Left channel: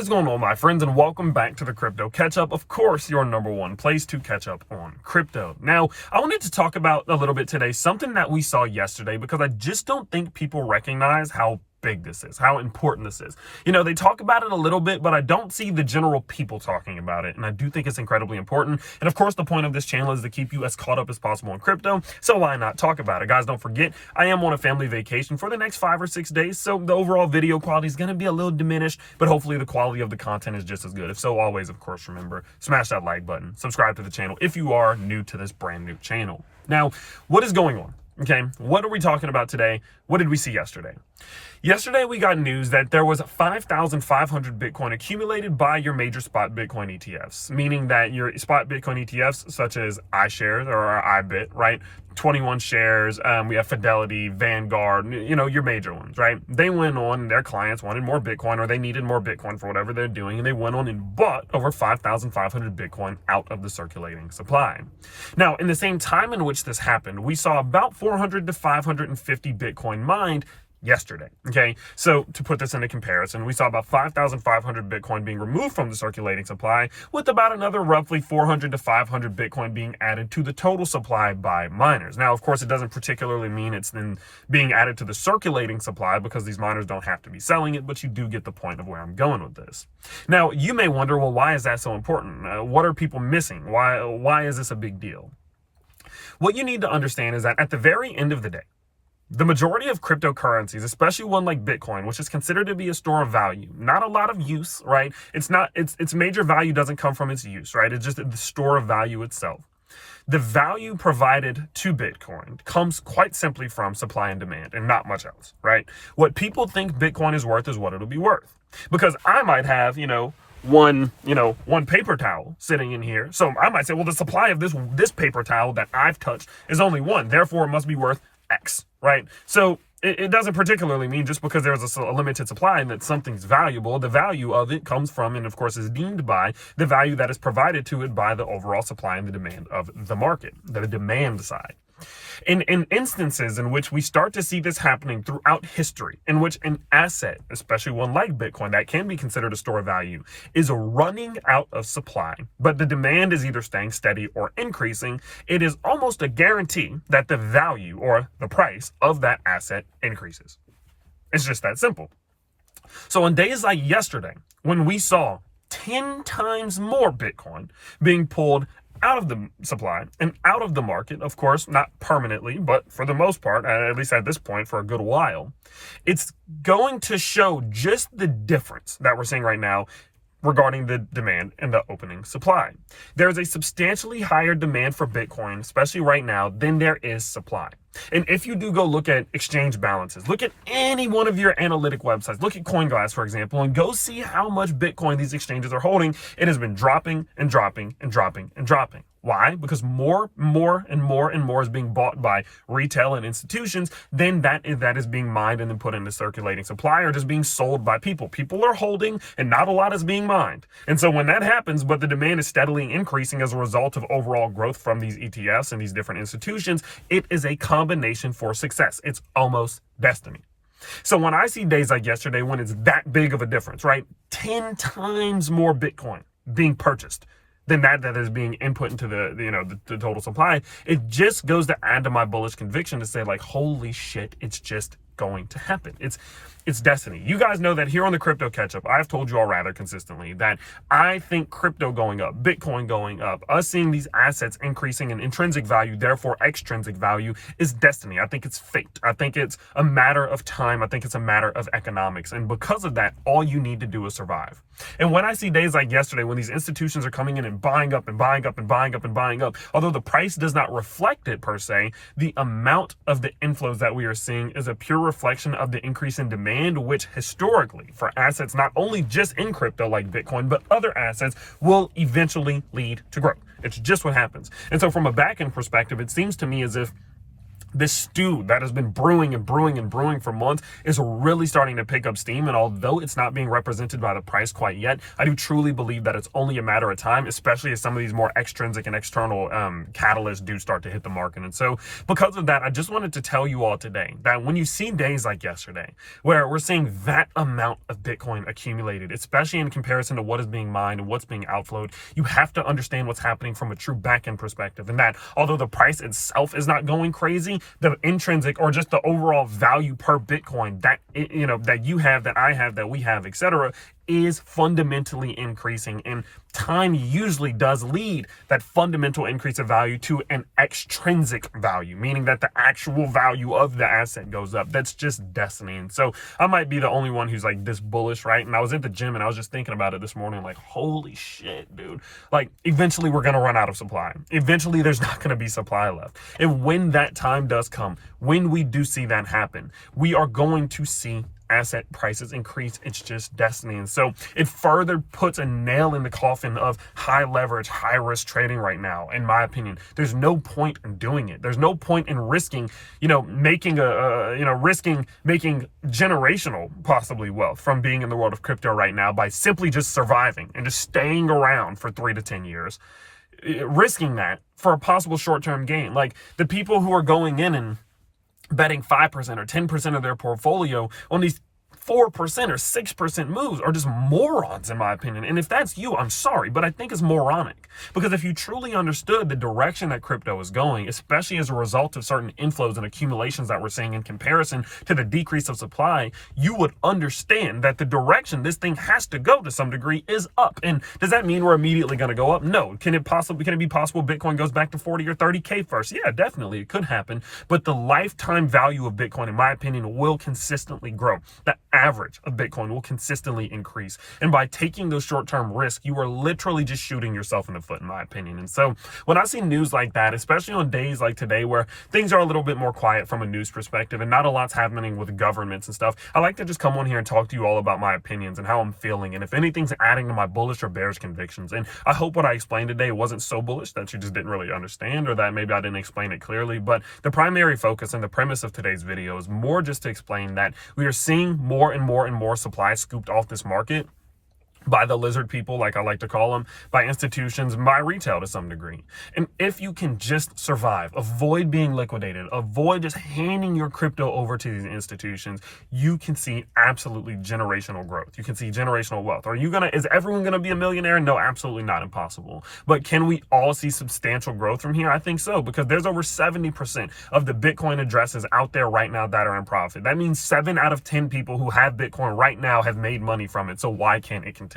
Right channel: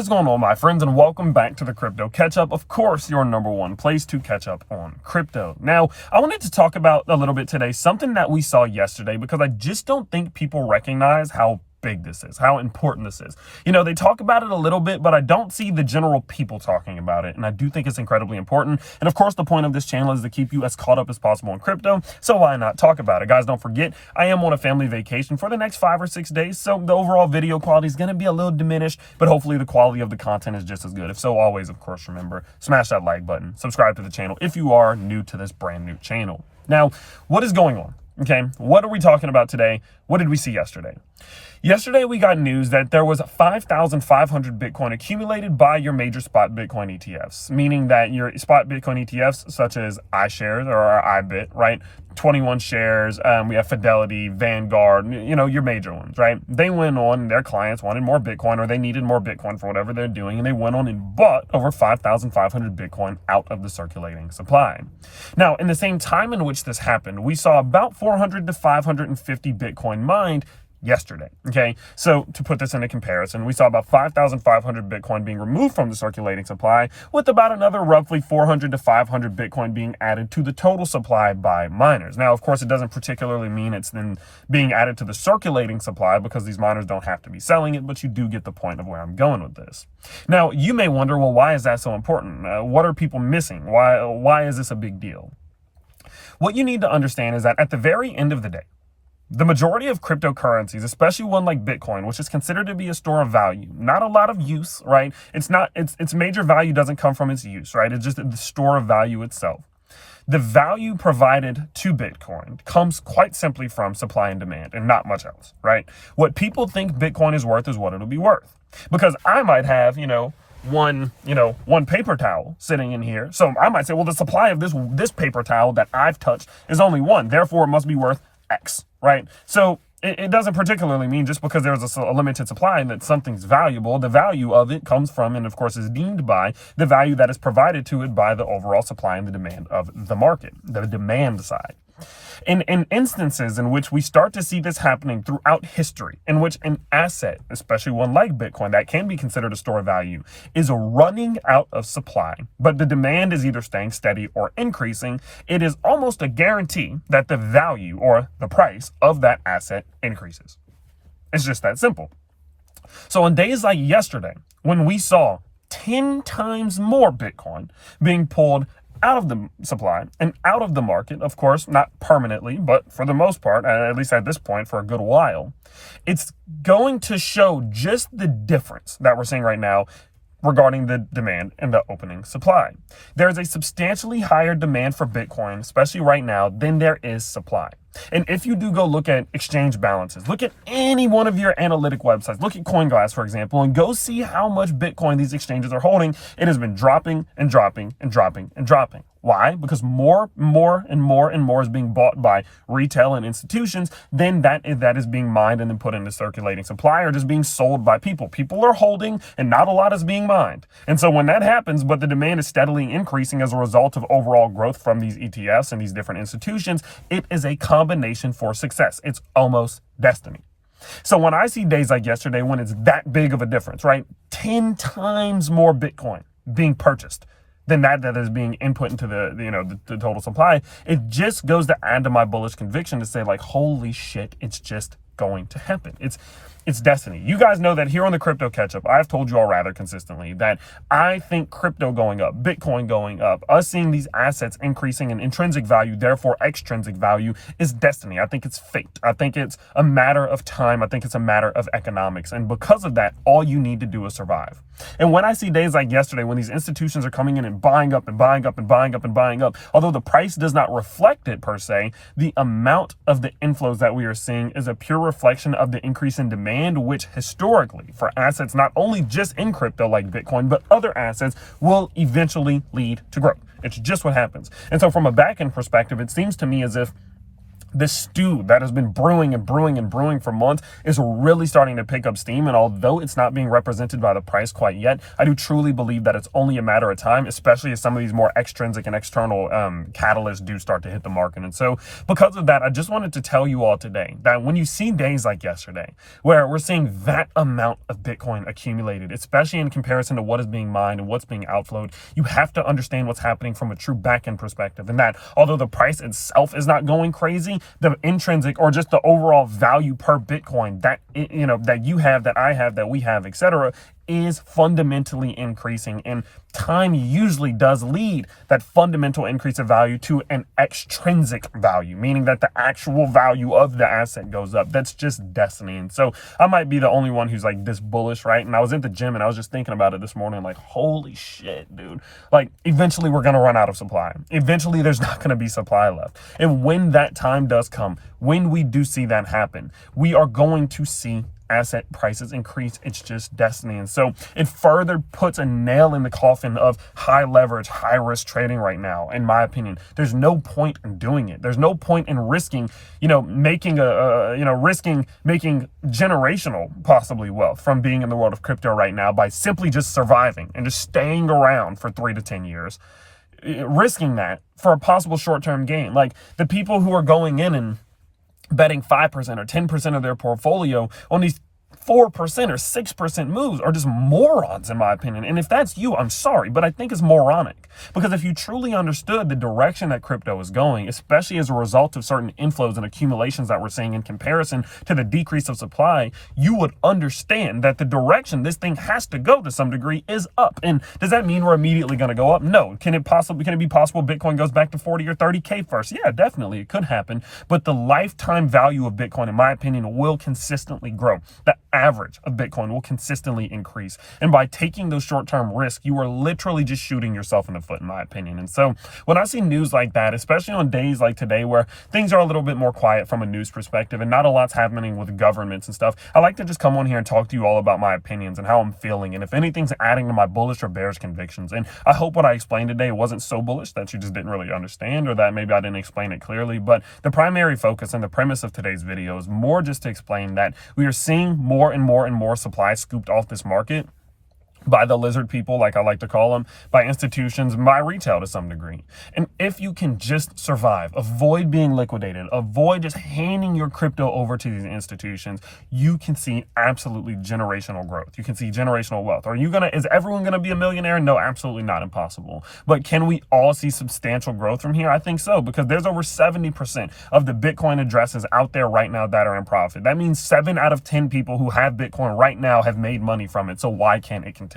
What's going on, my friends, and welcome back to the Crypto Catch Up. Of course, your number one place to catch up on crypto. Now, I wanted to talk about a little bit today something that we saw yesterday, because I just don't think people recognize how big this is, how important this is. You know, they talk about it a little bit, but I don't see the general people talking about it, and I do think it's incredibly important. And of course, the point of this channel is to keep you as caught up as possible in crypto, so why not talk about it? Guys, don't forget, I am on a family vacation for the next 5 or 6 days, so the overall video quality is going to be a little diminished, but hopefully the quality of the content is just as good. If so, always, of course, remember, smash that like button, subscribe to the channel if you are new to this brand new channel. Now, what is going on? Okay, what are we talking about today? What did we see yesterday? Yesterday, we got news that there was 5,500 Bitcoin accumulated by your major spot Bitcoin ETFs, meaning that your spot Bitcoin ETFs, such as iShares or iBit, right? 21 shares, we have Fidelity, Vanguard, you know, your major ones, right? They went on, their clients wanted more Bitcoin, or they needed more Bitcoin for whatever they're doing, and they went on and bought over 5,500 Bitcoin out of the circulating supply. Now, in the same time in which this happened, we saw about 400 to 550 Bitcoin mined yesterday. Okay, so to put this into comparison, we saw about 5,500 Bitcoin being removed from the circulating supply, with about another roughly 400 to 500 Bitcoin being added to the total supply by miners. Now, of course, it doesn't particularly mean it's then being added to the circulating supply, because these miners don't have to be selling it, but you do get the point of where I'm going with this. Now, you may wonder, well, why is that so important? What are people missing? Why is this a big deal? What you need to understand is that at the very end of the day, the majority of cryptocurrencies, especially one like Bitcoin, which is considered to be a store of value, not a lot of use, right? Its major value doesn't come from its use, right? It's just the store of value itself. The value provided to Bitcoin comes quite simply from supply and demand, and not much else, right? What people think Bitcoin is worth is what it'll be worth. Because I might have, one paper towel sitting in here. So I might say, well, the supply of this paper towel that I've touched is only one, therefore it must be worth X, right? So it doesn't particularly mean just because there's a limited supply and that something's valuable. The value of it comes from, and of course is deemed by, the value that is provided to it by the overall supply and the demand of the market, the demand side. In instances in which we start to see this happening throughout history, in which an asset, especially one like Bitcoin, that can be considered a store of value, is running out of supply, but the demand is either staying steady or increasing, it is almost a guarantee that the value or the price of that asset increases. It's just that simple. So on days like yesterday, when we saw 10 times more Bitcoin being pulled out of the supply and out of the market, of course, not permanently, but for the most part, at least at this point, for a good while, it's going to show just the difference that we're seeing right now regarding the demand and the opening supply. There's a substantially higher demand for Bitcoin, especially right now, than there is supply. And if you do go look at exchange balances, look at any one of your analytic websites, look at CoinGlass, for example, and go see how much Bitcoin these exchanges are holding. It has been dropping and dropping and dropping and dropping. Why? Because more is being bought by retail and institutions than that is being mined and then put into circulating supply, or just being sold by people. People are holding and not a lot is being mined. And so when that happens, but the demand is steadily increasing as a result of overall growth from these ETFs and these different institutions, it is a combination for success. It's almost destiny. So when I see days like yesterday, when it's that big of a difference, right? 10 times more Bitcoin being purchased than that is being input into the total supply, it just goes to add to my bullish conviction to say, like, holy shit, it's just going to happen. It's destiny. You guys know that here on the Crypto Catch-Up, I've told you all rather consistently that I think crypto going up, Bitcoin going up, us seeing these assets increasing in intrinsic value, therefore extrinsic value, is destiny. I think it's fate. I think it's a matter of time. I think it's a matter of economics. And because of that, all you need to do is survive. And when I see days like yesterday, when these institutions are coming in and buying up and buying up and buying up and buying up, although the price does not reflect it per se, the amount of the inflows that we are seeing is a pure reflection of the increase in demand, which historically for assets not only just in crypto like Bitcoin, but other assets will eventually lead to growth. It's just what happens. And so from a back-end perspective, it seems to me as if this stew that has been brewing and brewing and brewing for months is really starting to pick up steam. And although it's not being represented by the price quite yet, I do truly believe that it's only a matter of time, especially as some of these more extrinsic and external catalysts do start to hit the market. And so because of that, I just wanted to tell you all today that when you see days like yesterday, where we're seeing that amount of Bitcoin accumulated, especially in comparison to what is being mined and what's being outflowed, you have to understand what's happening from a true back-end perspective. And that although the price itself is not going crazy, the intrinsic or just the overall value per Bitcoin that that you have, that I have, that we have, etc., is fundamentally increasing. And time usually does lead that fundamental increase of value to an extrinsic value, meaning that the actual value of the asset goes up. That's just destiny. And so I might be the only one who's like this bullish, right? And I was at the gym and I was just thinking about it this morning, like, holy shit, dude. Like, eventually we're going to run out of supply. Eventually there's not going to be supply left. And when that time does come, when we do see that happen, we are going to see asset prices increase. It's just destiny. And so it further puts a nail in the coffin of high leverage, high risk trading right now. In my opinion, there's no point in doing it. There's no point in risking, making making generational possibly wealth from being in the world of crypto right now by simply just surviving and just staying around for 3 to 10 years, risking that for a possible short-term gain. Like the people who are going in and betting 5% or 10% of their portfolio on these 4% or 6% moves are just morons, in my opinion. And if that's you, I'm sorry, but I think it's moronic. Because if you truly understood the direction that crypto is going, especially as a result of certain inflows and accumulations that we're seeing in comparison to the decrease of supply, you would understand that the direction this thing has to go to some degree is up. And does that mean we're immediately going to go up? No. Can it be possible Bitcoin goes back to 40 or 30K first? Yeah, definitely. It could happen. But the lifetime value of Bitcoin, in my opinion, will consistently grow. The average of Bitcoin will consistently increase. And by taking those short-term risks, you are literally just shooting yourself in the foot, in my opinion. And so when I see news like that, especially on days like today where things are a little bit more quiet from a news perspective and not a lot's happening with governments and stuff, I like to just come on here and talk to you all about my opinions and how I'm feeling, and if anything's adding to my bullish or bearish convictions. And I hope what I explained today wasn't so bullish that you just didn't really understand, or that maybe I didn't explain it clearly. But the primary focus and the premise of today's video is more just to explain that we are seeing more and more and more supply scooped off this market by the lizard people, like I like to call them, by institutions, by retail to some degree. And if you can just survive, avoid being liquidated, avoid just handing your crypto over to these institutions, you can see absolutely generational growth. You can see generational wealth. Is everyone gonna be a millionaire? No, absolutely not, impossible. But can we all see substantial growth from here? I think so, because there's over 70% of the Bitcoin addresses out there right now that are in profit. That means 7 out of 10 people who have Bitcoin right now have made money from it. So why can't it continue?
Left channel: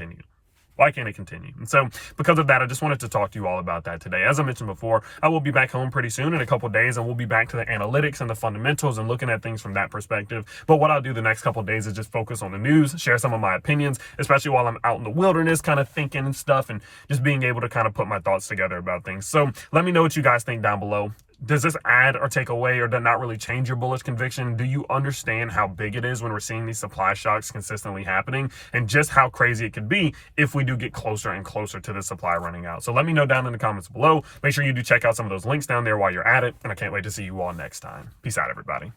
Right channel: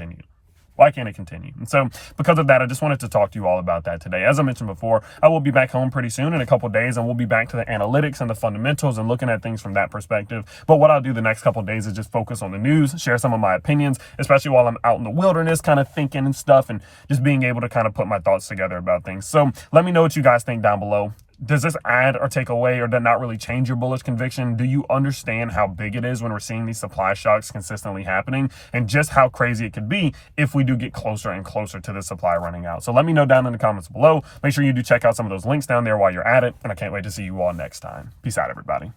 Why can't it continue? And so because of that, I just wanted to talk to you all about that today. As I mentioned before, I will be back home pretty soon in a couple of days, and we'll be back to the analytics and the fundamentals and looking at things from that perspective. But what I'll do the next couple of days is just focus on the news, share some of my opinions, especially while I'm out in the wilderness kind of thinking and stuff, and just being able to kind of put my thoughts together about things. So let me know what you guys think down below. Does this add or take away or does not really change your bullish conviction? Do you understand how big it is when we're seeing these supply shocks consistently happening, and just how crazy it could be if we do get closer and closer to the supply running out? So let me know down in the comments below. Make sure you do check out some of those links down there while you're at it, and I can't wait to see you all next time. Peace out, everybody.